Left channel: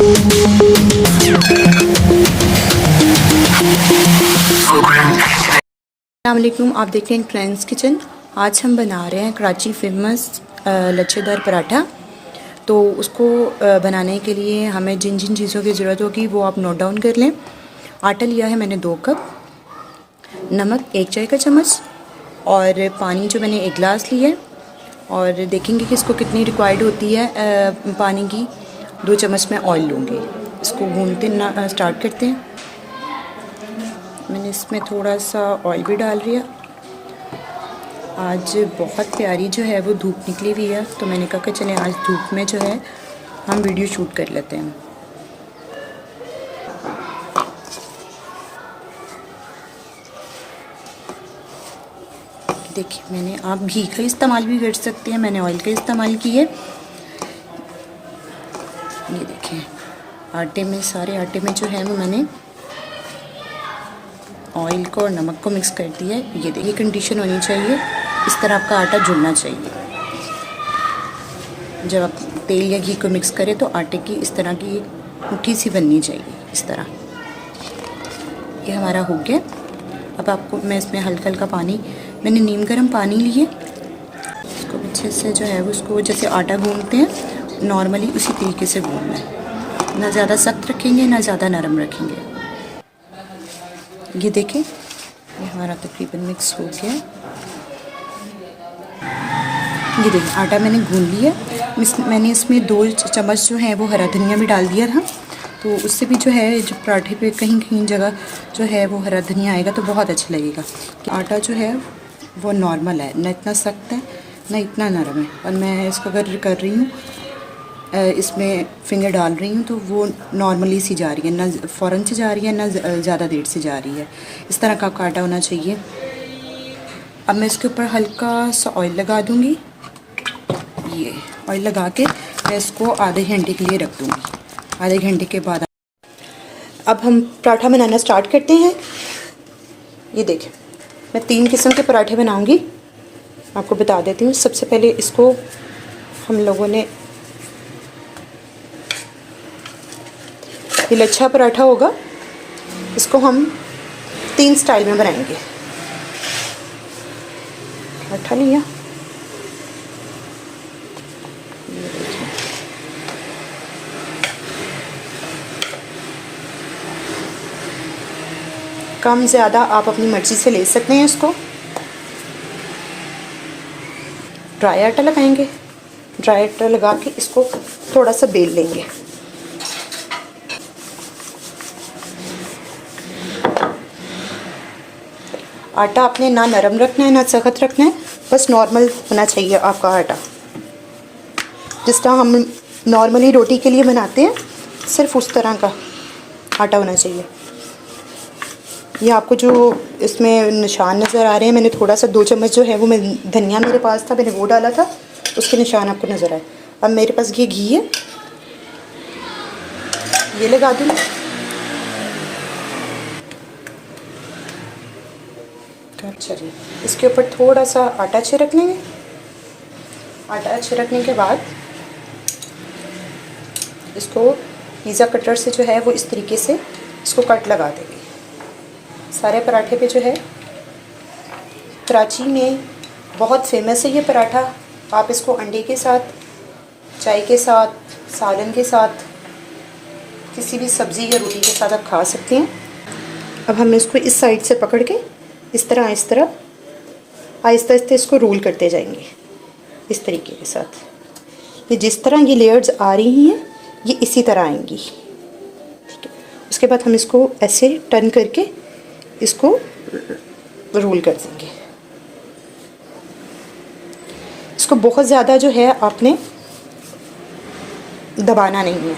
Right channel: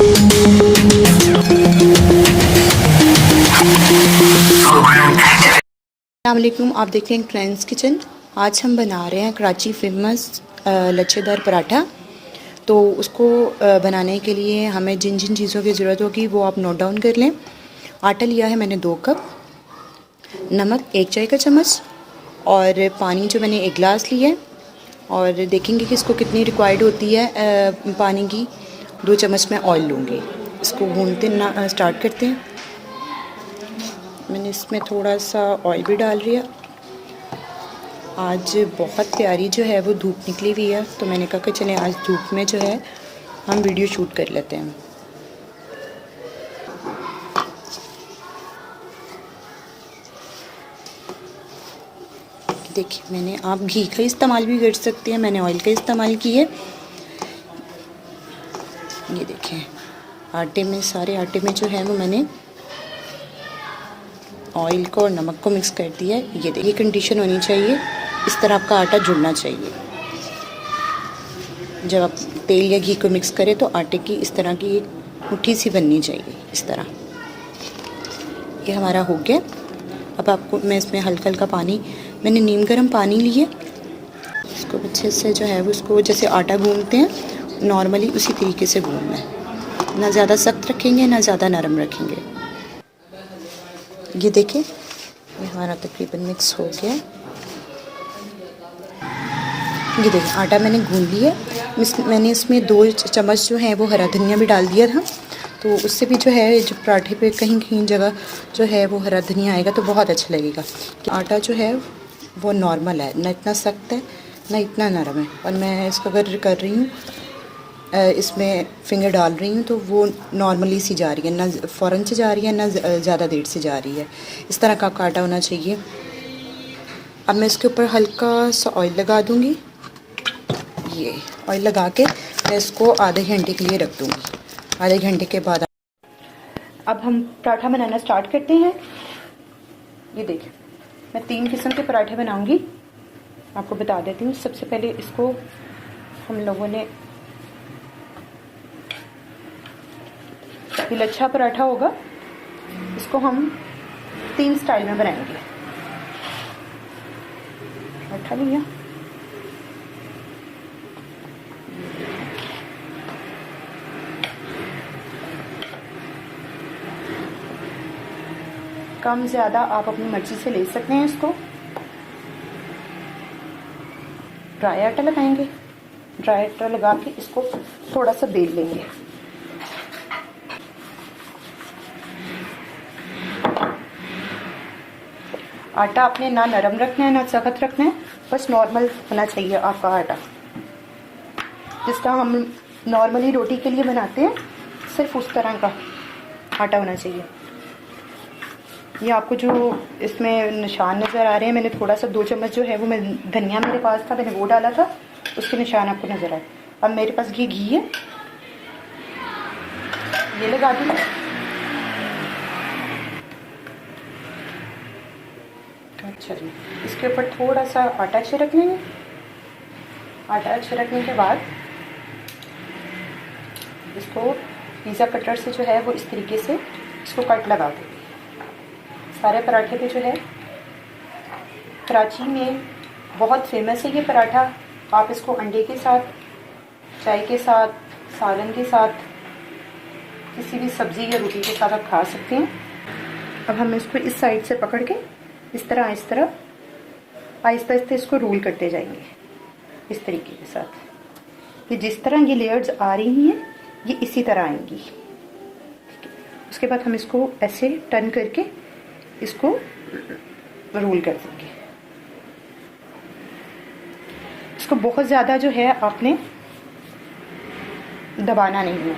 अस्सलामुअलैकुम, आप देख रहे हैं ट्रेंड्स किचन। आज हम बना रहे हैं कराची फेमस लच्छेदार पराठा। तो उसको बनाने के लिए हमें जिन जिन चीज़ों की ज़रूरत होगी वो आप नोट डाउन कर लें। आटा लिया है मैंने 2 कप, नमक 1 चाय का चम्मच और पानी जो मैंने 1 गिलास लिया है। और देखेंगे कि इसको कितनी रिक्वायर्ड होती है पानी की। 2 चम्मच मैं ऑयल लूँगी। इसको भूनते ना स्टार्ट करते हैं। मैंने इसमें थोड़ा सा ऑयल भी डाल दिया। आज बहुत प्यारी जो है वो धूप निकली हुई है, तो मैंने कहा कि चलें आज धूप में जो है हम वीडियो शूट कर लेते हैं। देखिए, मैंने आप घी का इस्तेमाल भी कर सकते हैं, मैंने ऑयल का इस्तेमाल किया। ये देखें, आटे में सारे आटे में जो है वो मैंने ऑयल को और नमक को मिक्स कर दिया है। ये देखिए कंडीशन होनी चाहिए, इस तरह आपका आटा जुड़ना चाहिए। जब आप तेल या घी को मिक्स करें तो आटे की इस तरह की मुट्ठी सी बननी चाहिए, इस तरह। ये हमारा हो गया। अब आपको मैं इसमें हल्का हल्का पानी, मैंने नीम गर्म पानी लिए। इसको अच्छे से जो है वो उसको जैसे आटा गूंदते हैं नॉर्मली उसी तरीके से गूंदना है। ना ज़्यादा सख्त रखेंगे ना ज़्यादा नरम रखेंगे। ये देखें, ये हमारा तकरीबन मिक्स हो गया। ये देखिए आटा मैंने गूंद लिया। मैंने इसमें 2 चम्मच जो है वो हरा धनिया भी डाल दिया था, तो उससे भी जो है जो पराठे पे कहीं कहीं जगह जो है वो हरा धनिया आएगा तो बहुत अच्छा लगेगा। आटा जो है वो नॉर्मल है, ना इतना सख्त है ना इतना नरम है। और मैं इसको अगर कर रही हूँ, इसमें फिंगर डाल रही हूँ तो वो नॉर्मली सी जा रही है, ना फ़ौरन से जा रही है ना ज़्यादा देर से जा रही है। इस तरह का आपका आटा होना चाहिए। अब मैं इसके ऊपर हल्का सा ऑयल लगा दूँगी। ये ऑयल लगा के मैं इसको आधे घंटे के लिए रख दूँगी। आधे घंटे के बाद अब हम पराठा बनाना स्टार्ट करते हैं। ये देखिए, मैं 3 किस्म के पराठे बनाऊँगी, आपको बता देती हूँ। सबसे पहले इसको हम लोगों ने, ये लच्छा पराठा होगा, इसको हम 3 स्टाइल में बनाएंगे। पराठा लिया, कम ज़्यादा आप अपनी मर्ज़ी से ले सकते हैं। इसको ड्राई आटा लगाएंगे। ड्राई आटा लगा के इसको थोड़ा सा बेल लेंगे। आटा आपने ना नरम रखना है ना सख्त रखना है, बस नॉर्मल होना चाहिए आपका आटा। जिस तरह हम नॉर्मली रोटी के लिए बनाते हैं, सिर्फ उस तरह का आटा होना चाहिए। ये आपको जो इसमें निशान नज़र आ रहे हैं, मैंने थोड़ा सा 2 चम्मच जो है वो मैं धनिया मेरे पास था, मैंने वो डाला था, उसके निशान आपको नज़र आए। अब मेरे पास ये घी है, ये लगा दूँ। अच्छा जी, इसके ऊपर थोड़ा सा आटा छिड़क लेंगे। आटा छिड़कने के बाद इसको पिज़्ज़ा कटर से जो है वो इस तरीके से इसको कट लगा देंगे। सारे पराठे पे जो है, कराची में बहुत फेमस है ये पराठा। आप इसको अंडे के साथ, चाय के साथ, सालन के साथ, किसी भी सब्ज़ी या रोटी के साथ आप खा सकते हैं। अब हम इसको इस साइड से पकड़ के इस तरह आहिस्ता आहिस्ता इसको रोल करते जाएंगे, इस तरीके के साथ। ये जिस तरह ये लेयर्स आ रही हैं ये इसी तरह आएंगी, ठीक है। उसके बाद हम इसको ऐसे टर्न करके इसको रोल कर देंगे। इसको बहुत ज़्यादा जो है आपने दबाना नहीं है।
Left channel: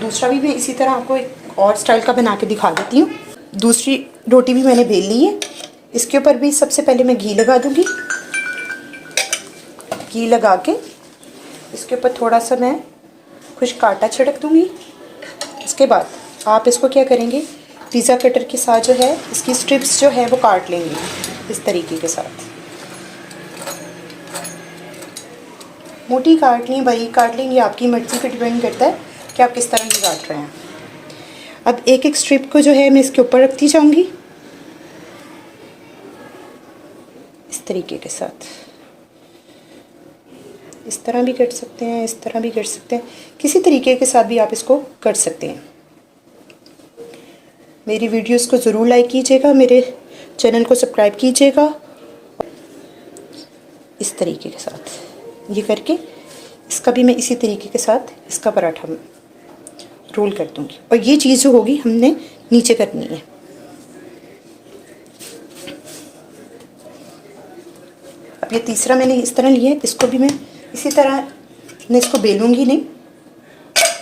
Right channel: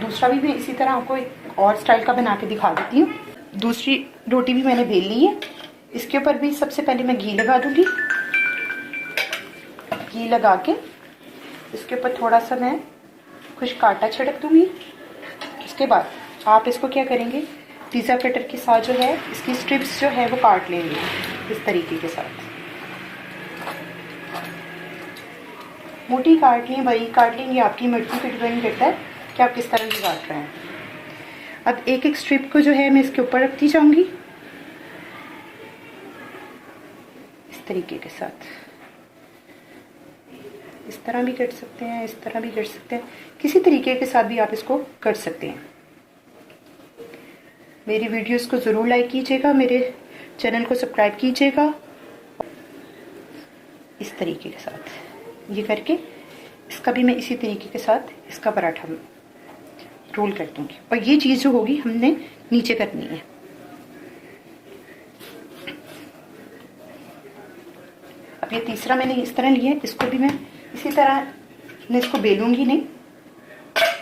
दूसरा भी मैं इसी तरह आपको एक और स्टाइल का बना के दिखा देती हूँ। दूसरी रोटी भी मैंने बेल ली है। इसके ऊपर भी सबसे पहले मैं घी लगा दूँगी। घी लगा के इसके ऊपर थोड़ा सा मैं खुश्क आटा छिड़क दूँगी। उसके बाद आप इसको क्या करेंगे, पिज़्ज़ा कटर के साथ जो है इसकी स्ट्रिप्स जो है वो काट लेंगे इस तरीके के साथ। मोटी काट लें, बारीक काट लें, ये आपकी मर्ज़ी पे डिपेंड करता है कि आप किस तरह की काट रहे हैं। अब एक एक स्ट्रिप को जो है मैं इसके ऊपर रखती जाऊंगी इस तरीके के साथ। इस तरह भी कट सकते हैं, इस तरह भी कट सकते हैं, किसी तरीके के साथ भी आप इसको कट सकते हैं। मेरी वीडियोस को ज़रूर लाइक कीजिएगा, मेरे चैनल को सब्सक्राइब कीजिएगा। इस तरीके के साथ ये करके इसका भी मैं इसी तरीके के साथ इसका पराठा रोल कर दूंगी। और ये चीज़ जो होगी हमने नीचे करनी है। अब ये तीसरा मैंने इस तरह लिया है, इसको भी मैं इसी तरह मैं इसको बेलूंगी नहीं,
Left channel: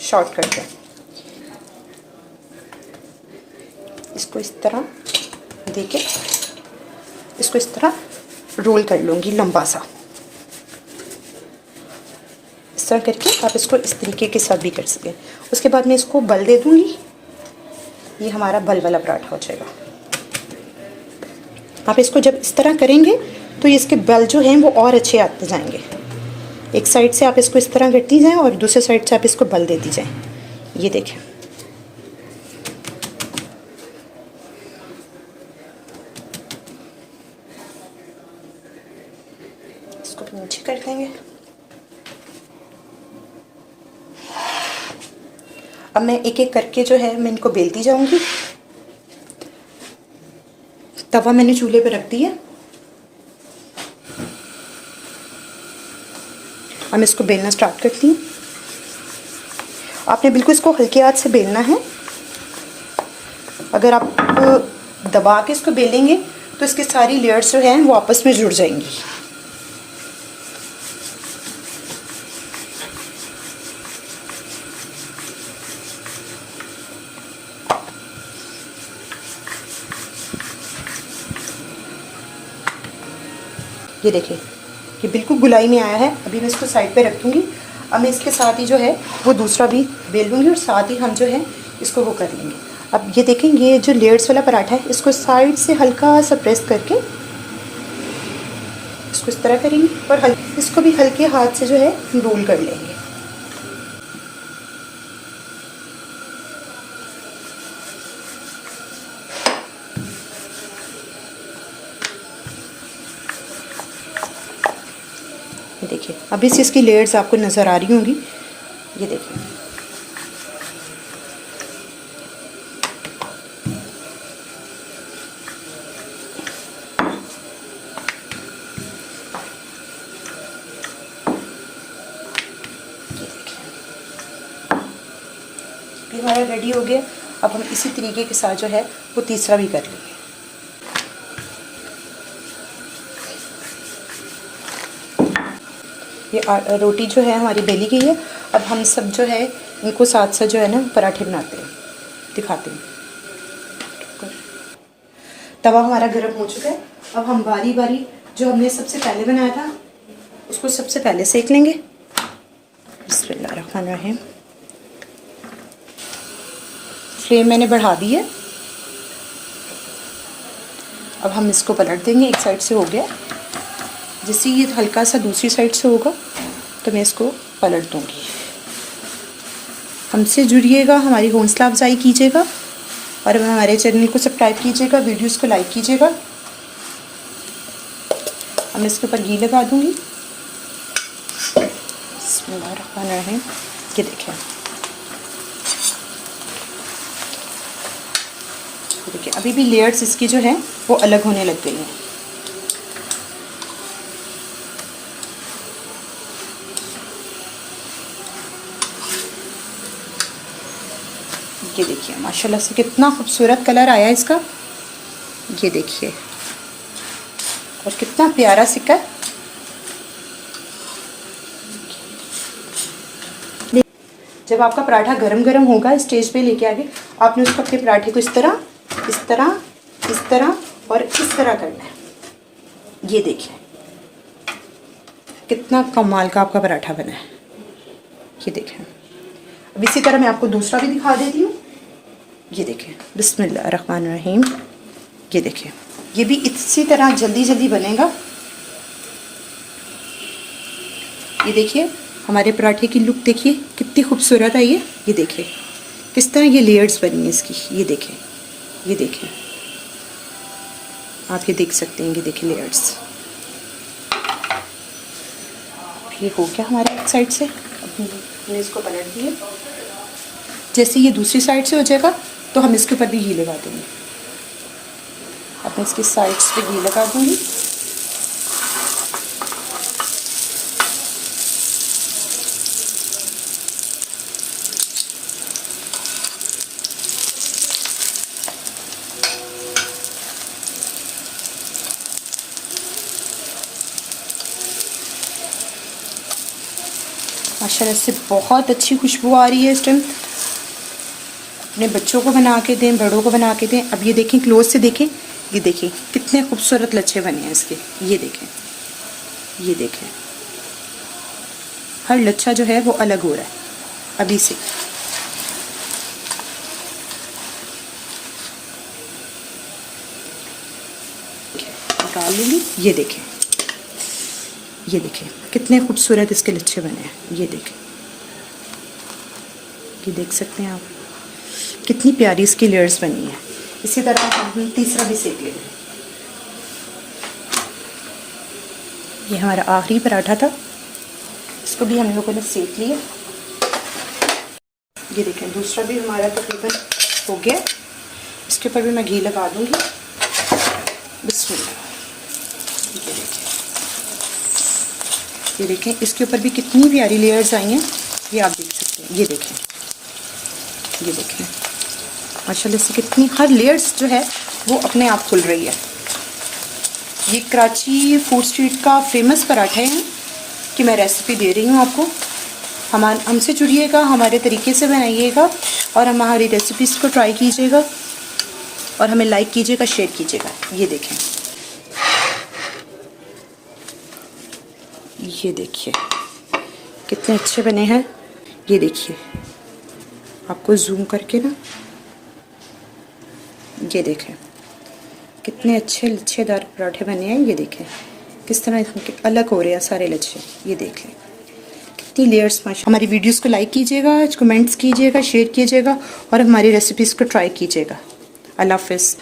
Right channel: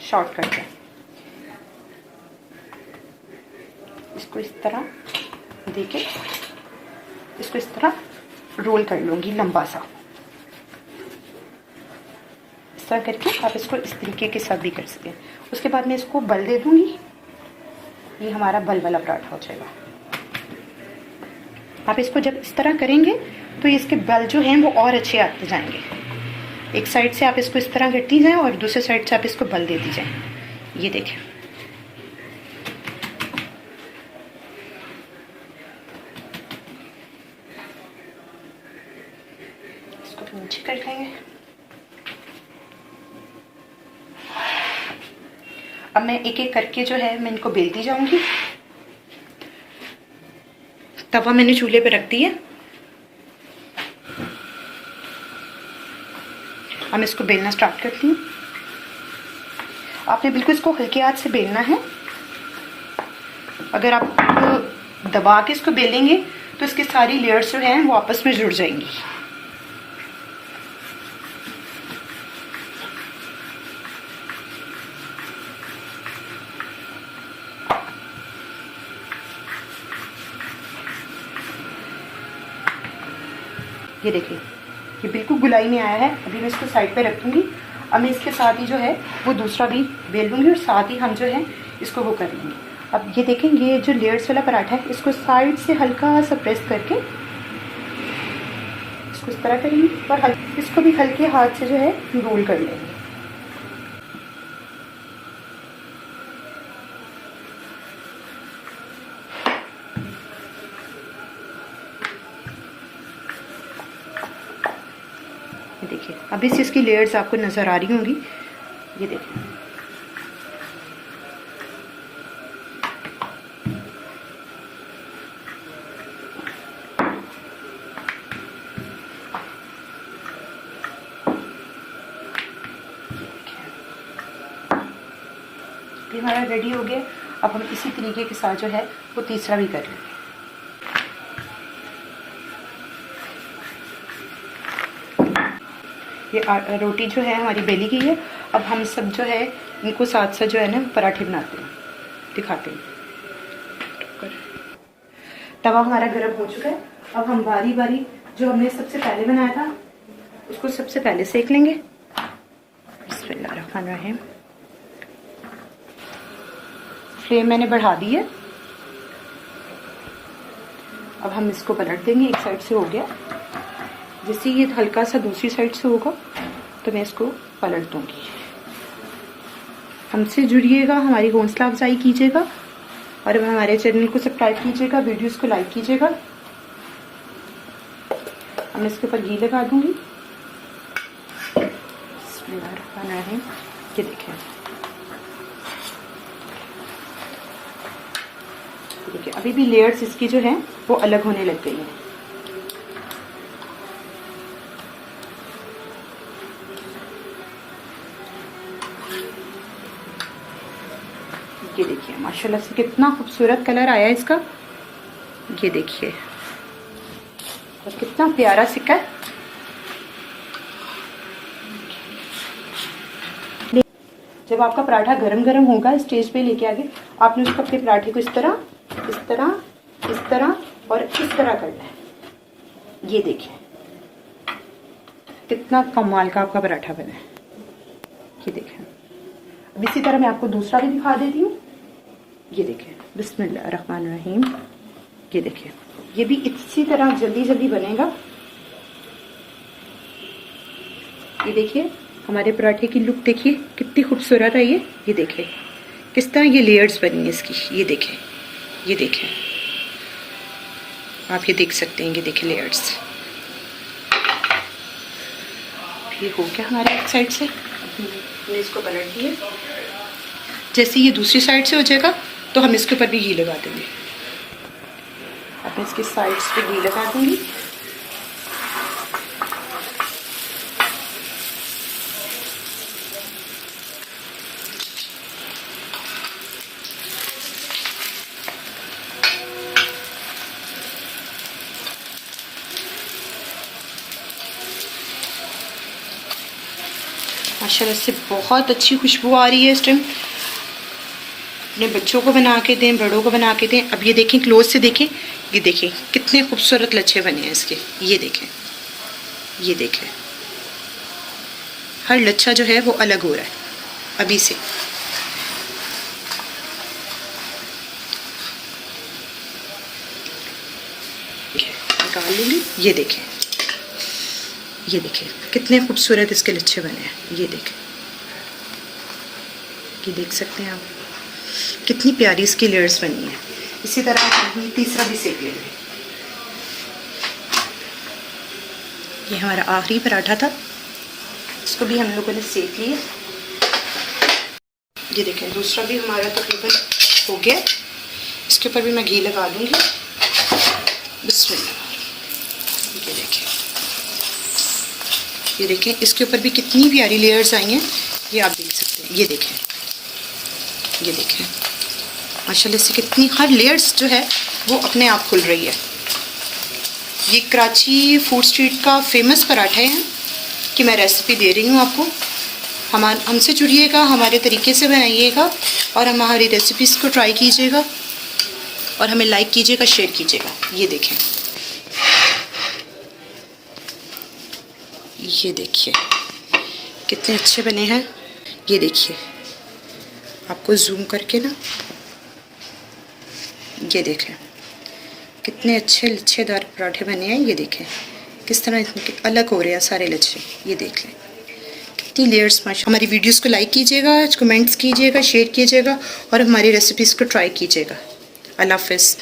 शॉर्ट करके इसको इस तरह देके इसको इस तरह रोल कर लूँगी लंबा सा। इस तरह करके आप इसको इस तरीके के साथ भी कर सकते हैं। उसके बाद मैं इसको बल दे दूँगी, ये हमारा बल वाला पराठा हो जाएगा। आप इसको जब इस तरह करेंगे तो इसके बल जो हैं वो और अच्छे आते जाएंगे। एक साइड से आप इसको इस तरह करती जाएं और दूसरे साइड से आप इसको बल देती जाएं। ये देखें, इसको भी नीचे कर लेंगे। अब मैं एक एक करके जो है मैं इनको बेलती जाऊंगी। तवा मैंने चूल्हे पे रख दिया। अब मैं इसको बेलना स्टार्ट करती हूँ। आपने बिल्कुल इसको हल्के हाथ से बेलना है। अगर आप दबा के इसको बेलेंगे तो इसकी सारी लेयर्स जो हैं वो आपस में जुड़ जाएंगी। ये देखिए, ये बिल्कुल गुलाई में आया है। अभी मैं इसको साइड पे रख दूँगी। अब मैं इसके साथ ही जो है वो दूसरा भी बेल दूँगी और साथ ही हम जो है इसको वो कर लेंगे। अब ये देखें, ये जो लेयर्स वाला पराठा है इसको साइड से हल्का सा प्रेस करके इसको इस तरह करेंगे और इसको भी हल्के हाथ से जो है रोल कर लेंगे। ये देखिए, अभी से इसकी लेयर्स आपको नज़र आ रही होंगी। ये देखिए, ये हमारा रेडी हो गया। अब हम इसी तरीके के साथ जो है वो तीसरा भी कर लेंगे। ये रोटी जो है हमारी बेली गई है। अब हम सब जो है इनको साथ साथ जो है ना पराठे बनाते हैं, दिखाते हैं। तवा हमारा गर्म हो चुका है। अब हम बारी बारी जो हमने सबसे पहले बनाया था उसको सबसे पहले सेक लेंगे। बिस्मिल्लाहिर्रहमानिर्रहीम। फ्लेम मैंने बढ़ा दी है। अब हम इसको पलट देंगे। एक साइड से हो गया, जैसे ये हल्का सा दूसरी साइड से होगा तो मैं इसको पलट दूंगी। हमसे जुड़िएगा, हमारी हौसला अफजाई कीजिएगा और हमारे चैनल को सब्सक्राइब कीजिएगा, वीडियोस को लाइक कीजिएगा। मैं इसके ऊपर घी लगा दूंगी। बिस्मिल्लाहिर्रहमानिर्रहीम। ये देखिए, देखिए अभी भी लेयर्स इसकी जो है वो अलग होने लग गई हैं। ये देखिए, माशाल्लाह से कितना खूबसूरत कलर आया इसका। ये देखिए, और कितना प्यारा सिक्का है। जब आपका पराठा गरम गरम होगा स्टेज पे लेके आगे, आपने उसको अपने पराठे को इस तरह इस तरह इस तरह और इस तरह करना है। ये देखिए कितना कमाल का आपका पराठा बना है। ये देखिए, अब इसी तरह मैं आपको दूसरा भी दिखा देती हूँ। ये देखिए, बिस्मिल्लाहिर्रहमानिर्रहीम। ये देखिए, ये भी इसी तरह जल्दी जल्दी बनेगा। ये देखिए, हमारे पराठे की लुक देखिए कितनी खूबसूरत है ये देखिए किस तरह ये लेयर्स बनी है इसकी, ये देखें, ये देखें, आप ये देख सकते हैं, ये देखें लेयर्स। ये हो गया हमारे एक साइड से, हमने इसको पलट दिया। जैसे ये दूसरी साइड से हो जाएगा तो हम इसके ऊपर भी घी लगा देंगे। अब मैं इसकी साइड्स पे घी लगा दूंगी। माशाल्लाह से बहुत अच्छी खुशबू आ रही है इस टाइम। अपने बच्चों को बना के दें, बड़ों को बना के दें। अब ये देखें, क्लोज से देखें, ये देखें कितने खूबसूरत लच्छे बने हैं इसके। ये देखें, ये देखें, हर लच्छा जो है वो अलग हो रहा है अभी से। निकाल लूँगी। ये देखें, ये देखें कितने खूबसूरत इसके लच्छे बने हैं। ये देखें, ये देख सकते हैं आप कितनी प्यारी इसकी लेयर्स बनी है। इसी तरह हम तीसरा भी सेक लेंगे। ये हमारा आखिरी पराठा था, इसको भी हम लोगों ने सेक लिया। ये देखें दूसरा भी हमारा तकरीबन हो गया। इसके ऊपर भी मैं घी लगा दूंगी। बिस्मिल्लाह। ये देखें, ये देखें इसके ऊपर भी कितनी प्यारी लेयर्स आई हैं, ये आप देख सकते हैं। ये देखें, ये देखें माशाल्लाह से कितनी हर लेयर्स जो है वो अपने आप खुल रही है। ये कराची फूड स्ट्रीट का फेमस पराठे हैं कि मैं रेसिपी दे रही हूँ आपको। हमसे जुड़िएगा, हमारे तरीके से बनाइएगा और हमारी रेसिपीज़ को ट्राई कीजिएगा और हमें लाइक कीजिएगा, शेयर कीजिएगा। ये देखें, ये देखिए कितने अच्छे बने हैं। ये देखिए आपको जूम करके ना, ये देखें कितने अच्छे लच्छेदार पराठे बने हैं। ये देखें किस तरह अलग हो रहे हैं सारे लच्छे। ये देख लें कितनी लेयर्स। हमारी वीडियोस को लाइक कीजिएगा, कमेंट्स कीजिएगा, शेयर कीजिएगा और हमारी रेसिपीज़ को ट्राई कीजिएगा। अल्लाह हाफ़िज़।